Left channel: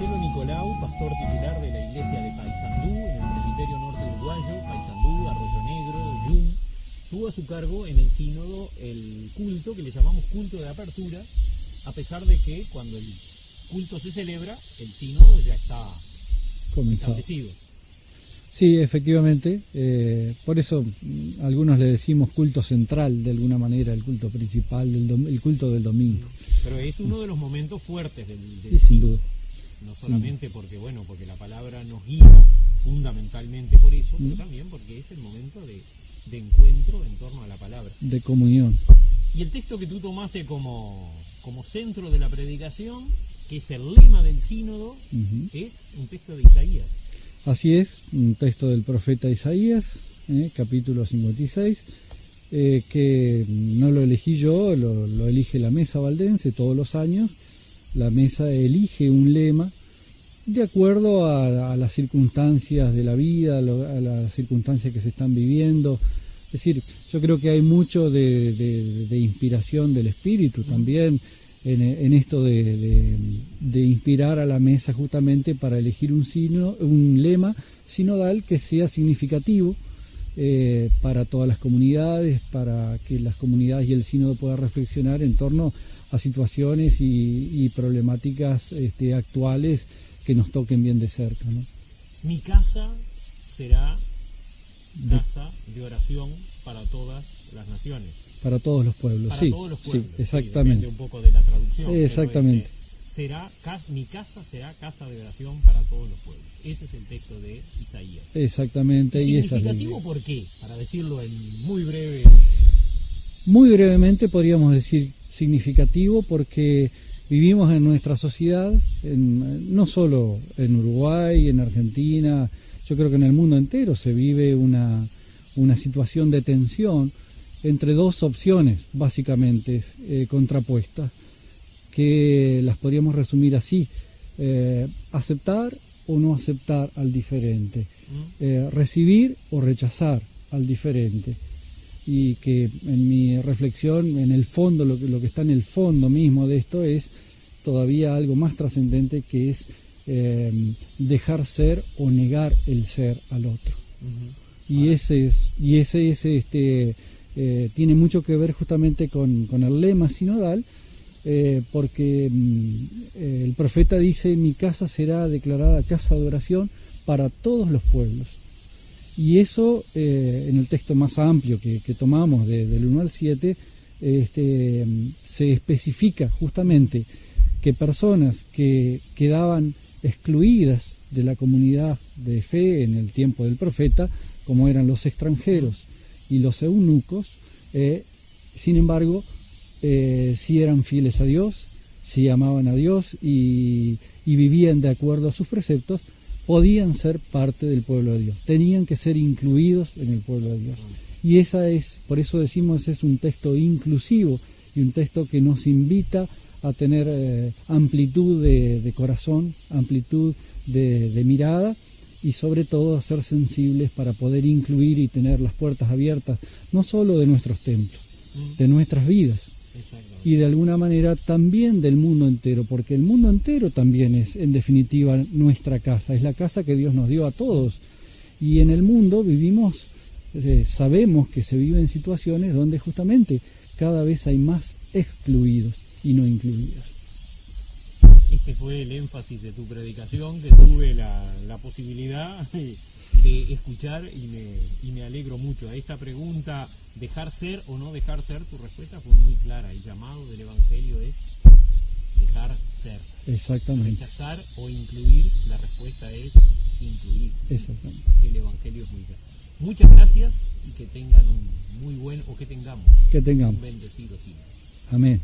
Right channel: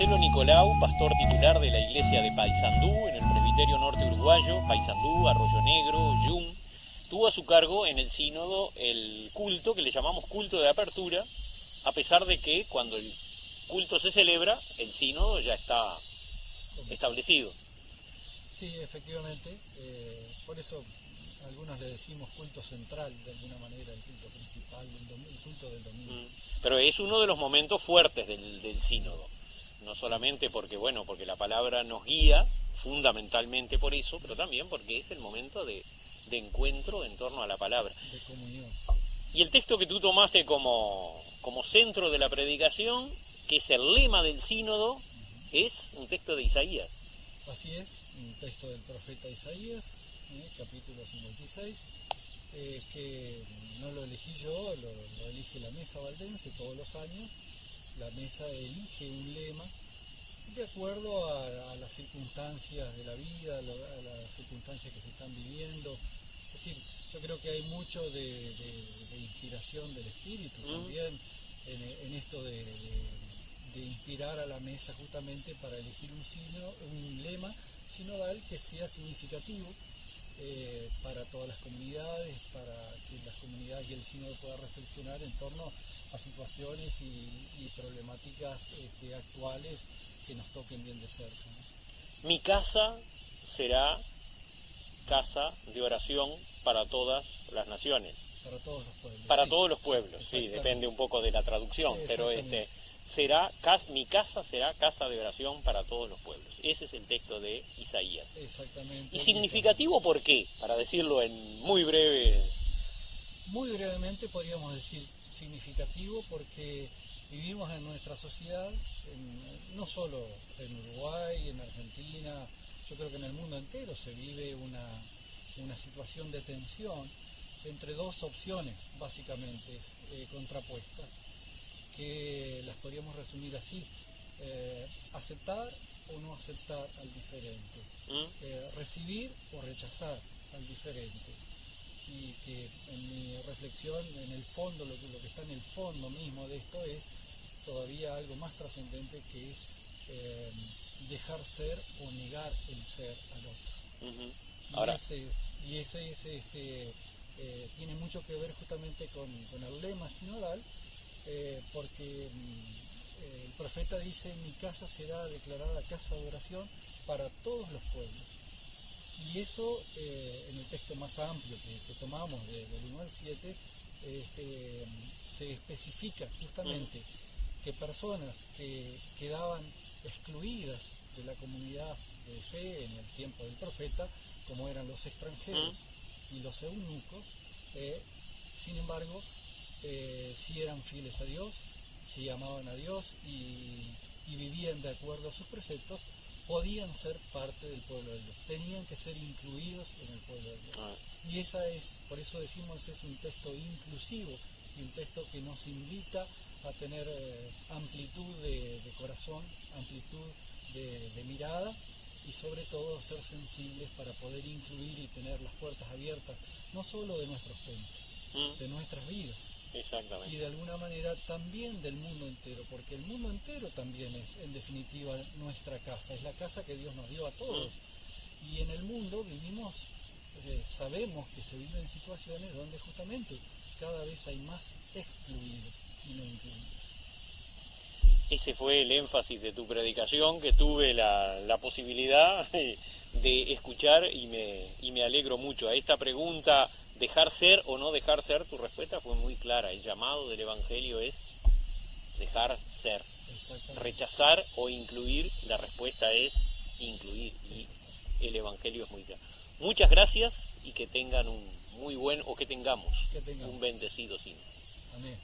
Marcelo Nicolau, pastor titular de la iglesia de Paysandú, en el presbiterio norte uruguayo, Paysandú, Arroyo Negro, Yum, tuvo a su cargo en el sínodo el culto que le llamamos culto de apertura, a pesar de que cuando el culto se celebra, el sínodo ya está establecido. Sí, efectivamente, por eso algunos le decimos culto central de alguna manera, el culto principal, el culto del domingo. Pero es uno de los momentos fuertes del sínodo, no solamente porque la palabra nos guía, fundamentalmente por eso, pero también porque es el momento de encuentro en torno a la palabra. De comunión. Y el texto que tú tomaste como centro de la predicación, que es el lema del sínodo, es un texto de Isaías. Así es, un texto del profeta Isaías, capítulo 56, que no lo elegí yo, lo elige la Mesa Valdense todos los años. La Mesa elige un lema de acuerdo a las circunstancias de la vida, a las circunstancias que se están viviendo. Es decir, yo creo que hay mucho de inspiración del Espíritu también en esto de inspirar a la mesa justamente para elegir un lema sinodal que sea significativo para todas las comunidades, para que las comunidades y el sínodo puedan reflexionar en torno a situaciones y problemáticas actuales que nos toquen bien de cerca, ¿no? Mi casa será casa de oración para todas las naciones. Para todos los pueblos. Para todos los pueblos, sí, exactamente. Depende un poco de la traducción. Exactamente. Pero mi casa será casa de oración para todos los pueblos. Ese es el texto de Isaías. Exactamente. ¿Y significativo por qué? Para decirlo en muy breve. Muy brevemente podríamos decir significativo porque vivimos en nuestra sociedad, no solo en Uruguay, en Argentina, yo creo que en el mundo entero se vive una situación de tensión entre dos opciones básicamente contrapuestas, que las podríamos resumir así: aceptar o no aceptar al diferente, recibir o rechazar al diferente. Y que en mi reflexión, en el fondo, lo que está en el fondo mismo de esto es todavía algo más trascendente, que es dejar ser o negar el ser al otro. Y ese tiene mucho que ver justamente con el lema sinodal, porque el profeta dice: mi casa será declarada casa de oración para todos los pueblos. Y eso, en el texto más amplio que tomamos, del 1 al 7, se especifica justamente que personas que quedaban excluidas de la comunidad de fe en el tiempo del profeta, como eran los extranjeros y los eunucos, sin embargo, sí eran fieles a Dios, sí amaban a Dios y vivían de acuerdo a sus preceptos, podían ser parte del pueblo de Dios, tenían que ser incluidos en el pueblo de Dios. Y por eso decimos, es un texto inclusivo y un texto que nos invita a tener amplitud de corazón, amplitud de mirada, y sobre todo a ser sensibles para poder incluir y tener las puertas abiertas, no solo de nuestros templos, de nuestras vidas, y de alguna manera también del mundo entero, porque el mundo entero también es, en definitiva, nuestra casa, es la casa que Dios nos dio a todos. Y en el mundo vivimos, sabemos que se viven situaciones donde justamente cada vez hay más excluidos y no incluidos. Ese fue el énfasis de tu predicación, que tuve la posibilidad de escuchar, y me alegro mucho. A esta pregunta, dejar ser o no dejar ser, tu respuesta fue muy clara. El llamado del Evangelio es dejar ser. Exactamente. Rechazar o incluir, la respuesta es incluir. Exactamente. El Evangelio es muy claro. Muchas gracias, y que tengan un bendecido sínodo. Amén.